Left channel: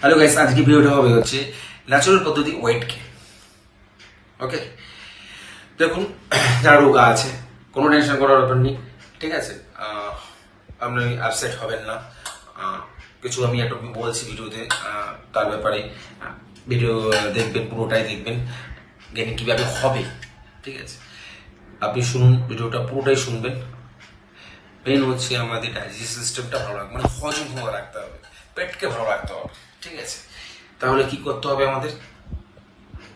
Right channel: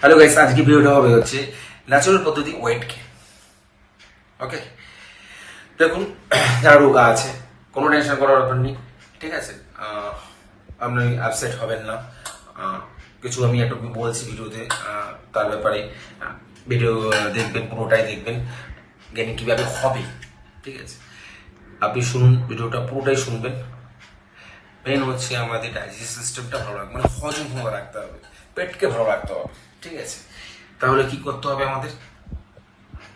Hello guys, আজকে ভিডিওটা হবে হচ্ছে ন্যাচারাল পদ্ধতি ওয়েট গেইন। ওকে, দেখুন, যারা রোগা আছে কোনো টেনশন করার ব্যাপার নেই, ঠিক আছে। আপনি আপসেট হবেন না। কিছু আমি একটা বলছি ভিডিওতে, তার ব্যাপারে ভিডিও দেখবেন, পুরোটাই দেখবেন, গেইন কিভাবে হবে, ঠিক আছে। আপনি শুনুন, ভিডিওটা পুরোটাই শুনবেন। মেন হচ্ছে আমাদের ডাইজেস্ট সিস্টেমটা ভালো রাখবে, মানে হজম ভালো রাখতে হবে, পেটকে ভালো রাখতে হবে, ঠিক আছে। তাহলে কি করতে হবে আমাদের?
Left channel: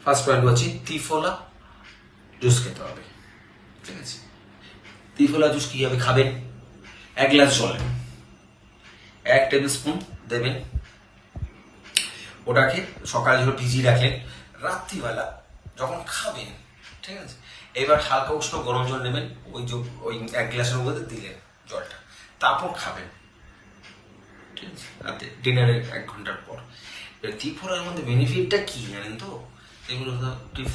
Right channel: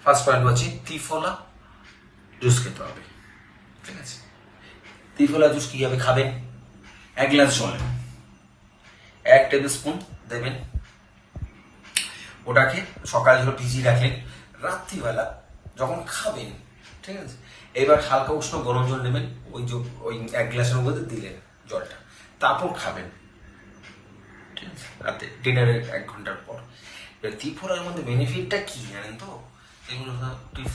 ফার্স্ট পয়েন্ট হচ্ছে ত্রিফলা জুস খেতে হবে, ঠিক আছে। ত্রিফলা জুস কিভাবে খাবেন? 1 গ্লাস জলে 1 টেবিল স্পুন দেবেন, ওটাকে সকালে ধরো ভিজিয়ে রাখলেন, রাত্রিবেলা যখন খাবেন, ঠিক আছে, এবার হালকা উষ্ণ গরম জল নেবেন, ওই 1 গ্লাসের মধ্যে দিলেন জলটা, তারপর খাবেন, ঠিক আছে, রাতে ডিনারের 1 ঘন্টার পর। এবার ত্রিফলার মধ্যে বেনিফিটটা কি জানেন তো? এগুলো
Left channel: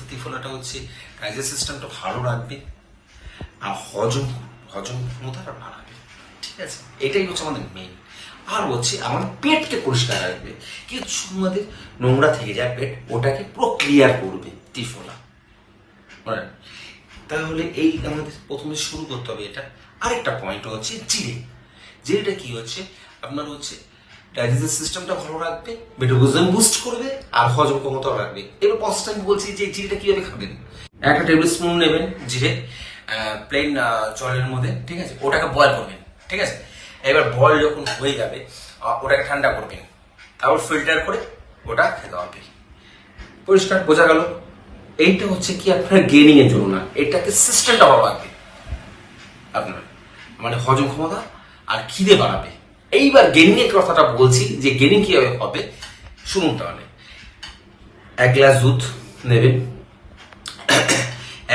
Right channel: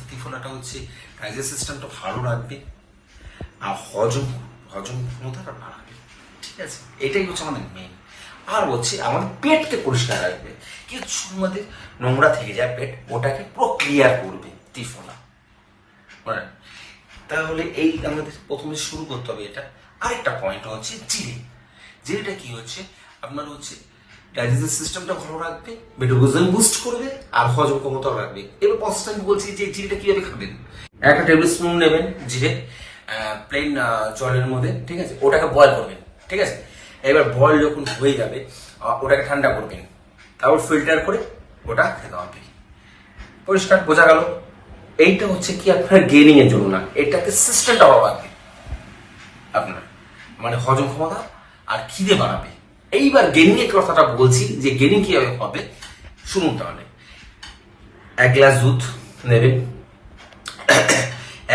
ত্রিফলাটা হচ্ছে ডাইজেস্ট সিস্টেমটা ভালো রাখবে আর হজম ক্ষমতাটা বাড়াবে, ঠিক আছে। এটাই হচ্ছে আমাদের মেইন। আর হচ্ছে আমাদের পেটকে পরিষ্কার রাখবে, কিছু আমাদের নোংরা থেকে যায় পেট, ওটাকে পুরো ক্লিয়ার করবে ত্রিফলা, মানে। তাহলে এই আমাদের প্রথমে শুরু করতে হবে এটা। আরেকটা পয়েন্ট হচ্ছে জিরেটা কি হচ্ছে আপনার হচ্ছে ডাইজেস্টিভ সিস্টেমটা ভালো রাখবে, মেটাবলিজম বুস্ট করবে আর হজম ক্ষমতাও রাখবে। এবার প্রসেস আমি বলছি যে জিরেটা কিভাবে খাবেন। 1 টেবিল স্পুন নেবেন জিরে, প্লেন জলের মধ্যে, ঠিক আছে, ওটাকে বয়েল করবেন, ঠিক আছে। এবার বয়েল যখন হয়ে যাবে ওটাকে ঠান্ডা করবেন, তারপর ফিল্টার করে ওটা খেতে হবে। পরিষ্কার বোঝা গেল? এইটা হচ্ছে কি আপনার গেইনিং এর জন্য না, এটাকে সিস্টেমটা ভালো রাখবে আপনার, মানে হজম ক্ষমতা আর খিদে বাড়াবে। এইবার গেইনিং এর কথাটা বলছি যে গেইনিং কিভাবে হবে শুনুন। তাহলে 1 গ্লাস দুধ নেবেন,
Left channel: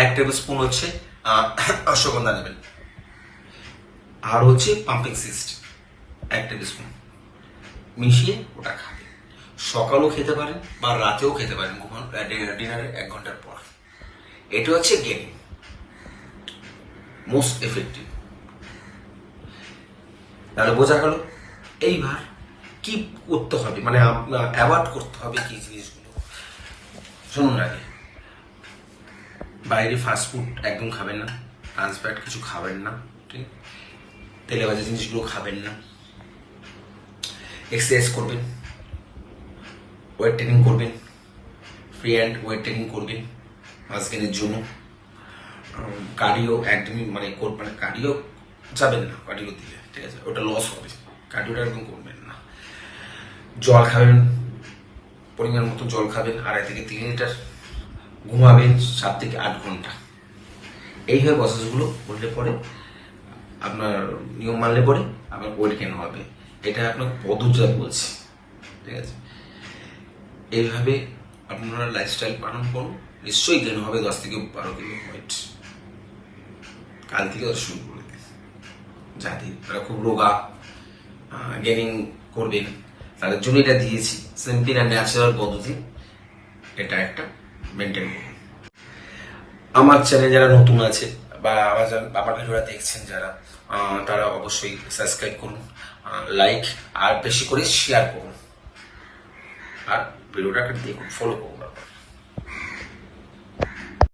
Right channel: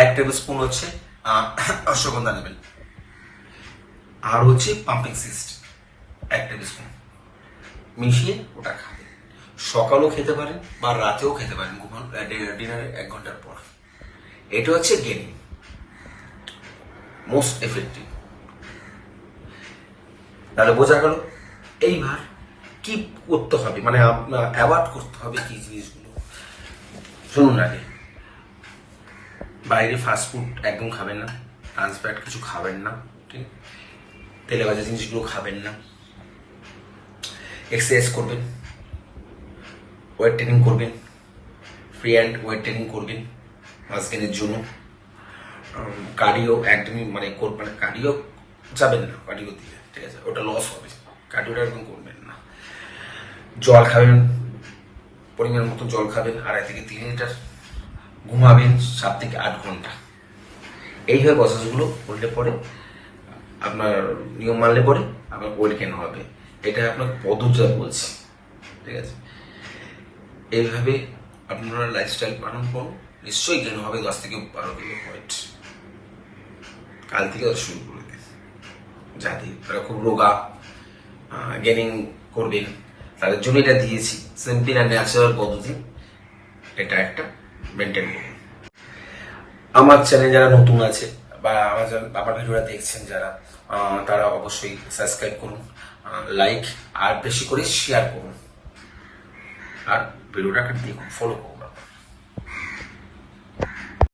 1 টেবিল স্পুন হচ্ছে অশ্বগন্ধা নেবেন, আর হচ্ছে পাম্পিং সিস্ট 1 টেবিল স্পুন মিশিয়ে ওটা খাবেন। সকালেও খেতে পারেন বা রাতেও খেতে পারেন, ডিনারের 1 ঘন্টার পর। এটা হচ্ছে গেইনিং, মোস্ট এফেক্টিভ। তাহলে বোঝা গেল। এইবার কি করতে হবে, মানে অ্যাভয়েড করতে হবে কি জিনিসগুলো শুনুন। আগে বাইরে ফাস্টফুড একদম খাবেন না, ট্রান্সফ্যাট কিছু খাবেন না, ঠিক, তেলে ভাজা জিনিসগুলো খাবেন না। এক্সারসাইজ করবেন, ওয়েট ট্রেনিং করবেন, ফ্রি হ্যান্ড ওয়েট ট্রেনিং করবেন মাস গেইনের জন্য। কার্ডিও একদমই মানে কার্ডিও যাবেন না, কার্ডিও দিয়ে, ঠিক আছে, ওটা লস হবে, কার্ডিওটা একদম করবেন না। জল খাবেন, পরিমাণ মতো জল খাবেন, 2.5 থেকে 3 লিটার। ঘুমাবেন 7 থেকে 8 ঘন্টা। এইভাবে প্রসেসগুলো করলে পরে আপনার নিয়ম মানলে পরে আপনার ওয়েট গেইন হবে। এটা আপনার পদ্ধতিটা বলছি, ঠিক আছে। এইভাবে আপনারা লাইফস্টাইল পালন করুন, নিশ্চয়ই গেইন হবে 10 থেকে 12 কিলো ওয়েট। কাল থেকে শুরু করে দিন, যাতে তারা খুব রোগা গেইনিং করবেন তাদের জন্য এটা দিয়েছি, সিম্পল অ্যান্ড ন্যাচারাল পদ্ধতি। এটা একটা মেনটেন করুন। আমার চ্যানেল যারা নতুন আছে বা আমার ভিডিওটা দেখছেন যারা, তারা অবশ্যই সাবস্ক্রাইব করুন, লাইক আর বেশি করে শেয়ার করুন, আর ভিডিওটাকে দেখুন, ফলো করুন।